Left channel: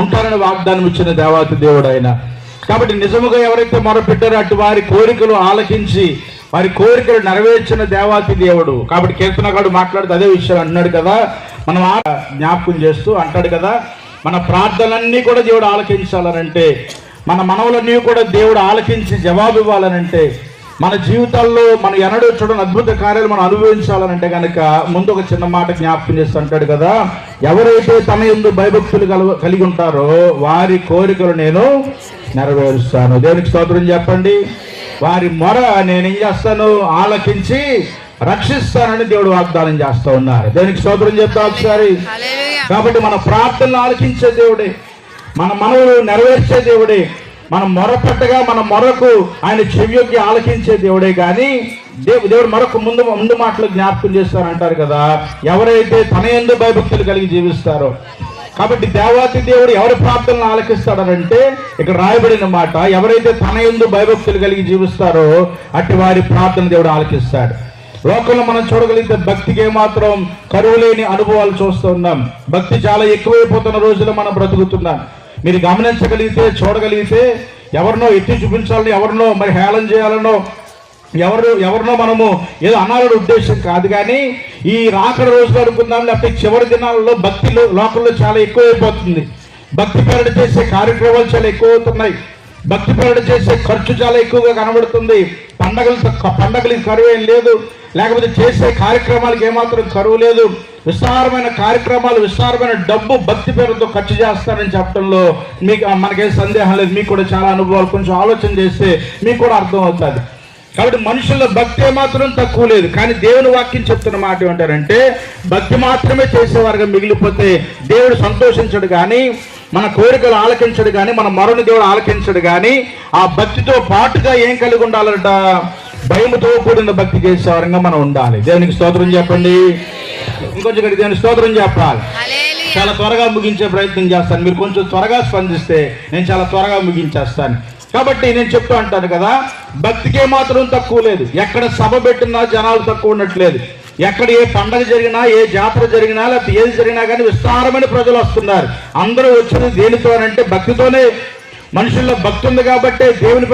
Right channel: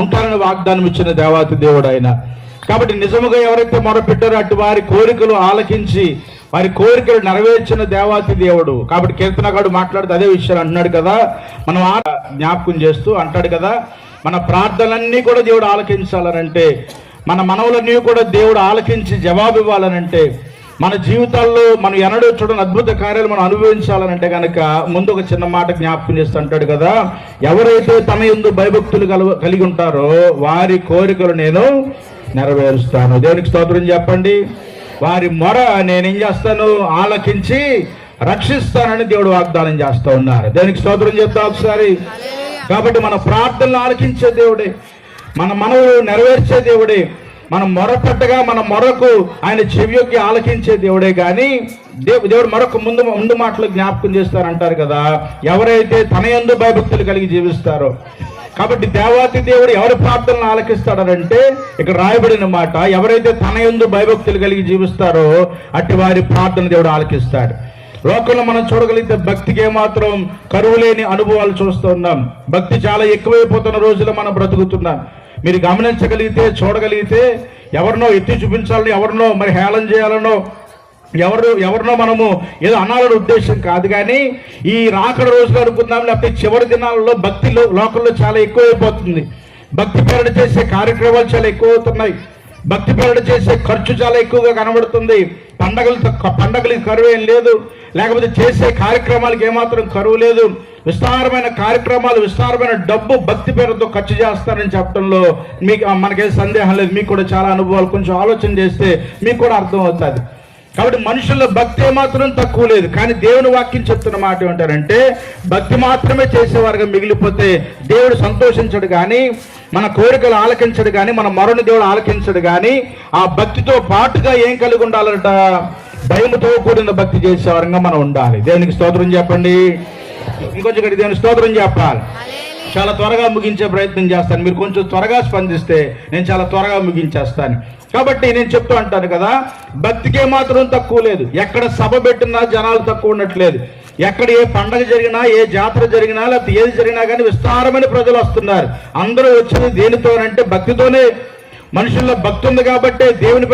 ఉంటారని వాగ్దానం ఇచ్చిన దేవాతి దేవుడు ఆయన. కాబట్టి నిజముగా ఎవరైతే మొరపెట్టారో అటు వారి కోరికలు ఆలకించి వారి కోరికలు నెరవేర్చిన దేవాతి దేవుడు. కాబట్టి కీర్తనగాడు మాట్లాడుతూ అదే విషయాలు అంటున్నాడు కదా, మనం జ్ఞాపకం చేస్తూ అంటాడు కదా, మన ప్రార్థనలన్నీ కూడా దేవుడు ఆలకించాలనంటే, మన మనవులన్నీ కూడా దేవుడు ఆలకించి జవాబు ఇవ్వాలనంటే, మన జీవితాల్లో మనం ఎన్నడూ చూడని అద్భుత కార్యాలు మనం అనుభవించాలనంటే కనుక ముందు ఒక చిన్న మాట జ్ఞాపకం చేస్తూ అంటాడు కదా, ఎవరైతే తన యందు భయభక్తులు కలిగి ఉంటారో వారి కోరికలు నేను నెరవేరుస్తాను. దేవునికి స్తోత్రం చెప్పండి. వారి మొర నేనేం చేస్తాను, ఆలకించి రక్షిస్తానని దేవుడు వాగ్దానం చేస్తూ ఉన్నారు. దేవునికి స్తోత్రం చెప్తా ఒకసారి. కాబట్టి మన ప్రార్థనలు ఆలకించే దేవుడే, మన మనవులు నెరవేర్చే దేవుడే, మనం మొరపెట్టగా మన మొరకు ఆయన చెవియొగ్గి ఆలకించే దేవుడే. కానీ దేవుడు మరొక ముందు మాటలు జ్ఞాపకం చేస్తారంటారు కదా, ఎవరైతే తన యందు భయభక్తులు కలిగి జీవిస్తారో. కాబట్టి దేవాతి దేవుడు ఎవరి ప్రార్థనలు ఆలకిస్తాడనంటే ఇక్కడ రాయబడిన మాట, ఎవరైతే తన యందు భయభక్తులు కలిగి జీవిస్తారో అట్టి వారి ప్రార్థన దేవుడు ఆలకిస్తాడు. లోకంలో మనం చూడగలిగితే భక్తికి ఏమాత్రం కరువు లేని అనుభవాలు చూస్తూ ఉన్నాం. భక్తి చాలా ఎక్కువైపోతున్న రోజులు మనం బ్రతుకుతున్నాం. మీరు గమనించగలిగితే చూడగలిగితే ఎవరినో ఎత్తి చూపించాలని, ఎవరినో మరి హేళన చేయాలనో, ఎవరినో మనము ఏదో అనాలని ఉద్దేశం కాదు. కానీ ఈ రాకడ రోజులు అనుకుందాం, లేకపోతే చివరి దినాలలో భక్తిలో లోకంలో చాలా ఎక్కువైపోతుంది. భక్తి పేరట చేసే కార్యక్రమాలు చాలా ఎక్కువ అవుతున్నాయి. భక్తి పేరట చేసే ఖర్చు చాలా ఎక్కువగా కనబడుతుంది. పండగలకి కరువు ఏం లేదు, లేకపోతే చేసే కార్యక్రమాలకు ఏమాత్రం కరువు లేదు. విస్తారమైన కార్యక్రమాలు, విస్తారమైన డబ్బు భక్తి పేరుతో ఖర్చు చేస్తారని చెప్పడంలో మనకేం సందేహం లేదు. మీకు కూడా చాలా అనుభవాలు, కొంచెం ఆలోచన చేస్తే మీకు కూడా అర్థం అవుతుంది. కాబట్టి మనుషుల్లో భక్తి ఏమాత్రం తక్కువ లేదు. కానీ దేవుని వాక్యం చెప్తున్న మాట ఏమంటారంటే, భక్తి మాత్రమే చేసేవారుగా మిగిలిపోతే దేవుడు సంతోషించడు కానీ, మన కోరికలు ఆలకించడు కానీ, మన మరణి దేవుడు ఆలకించడు కానీ, ఆ భక్తితో పాటుగా ఏం కలిగి ఉండాలంట, భయముతో కూడిన భక్తి చేసేవారంగా మనం ఉండాలి. దేవునికి స్తోత్రం చెప్పండి. ఇంకొంచెం దేవుని స్తోత్రం చెప్పాలి. చాలా త్వరగా ముగించే ప్రయత్నం చేస్తాను. మీరు కొంచెం త్వరగా స్పందిస్తే నేను చాలా త్వరగా ముగించేస్తాను. కాబట్టి నేను చెప్తూ అంటాను కదా, భక్తికి ఏమాత్రం తక్కువ లేదు. ఎక్కడ సభ పెట్టినా జనాలు తక్కువ ఉండట్లేదు. ఎక్కడ ఏ పండగ జరిగినా, ఏ జాతర జరిగినా, లేకపోతే ఏది జరిగినా కానీ విస్తారమైన ప్రజలు వస్తున్నారు. అందరూ వచ్చేది దేనితో అంటే భక్తితోనే. మనుషుల్లో భక్తి ఉంది కాబట్టి దేవుని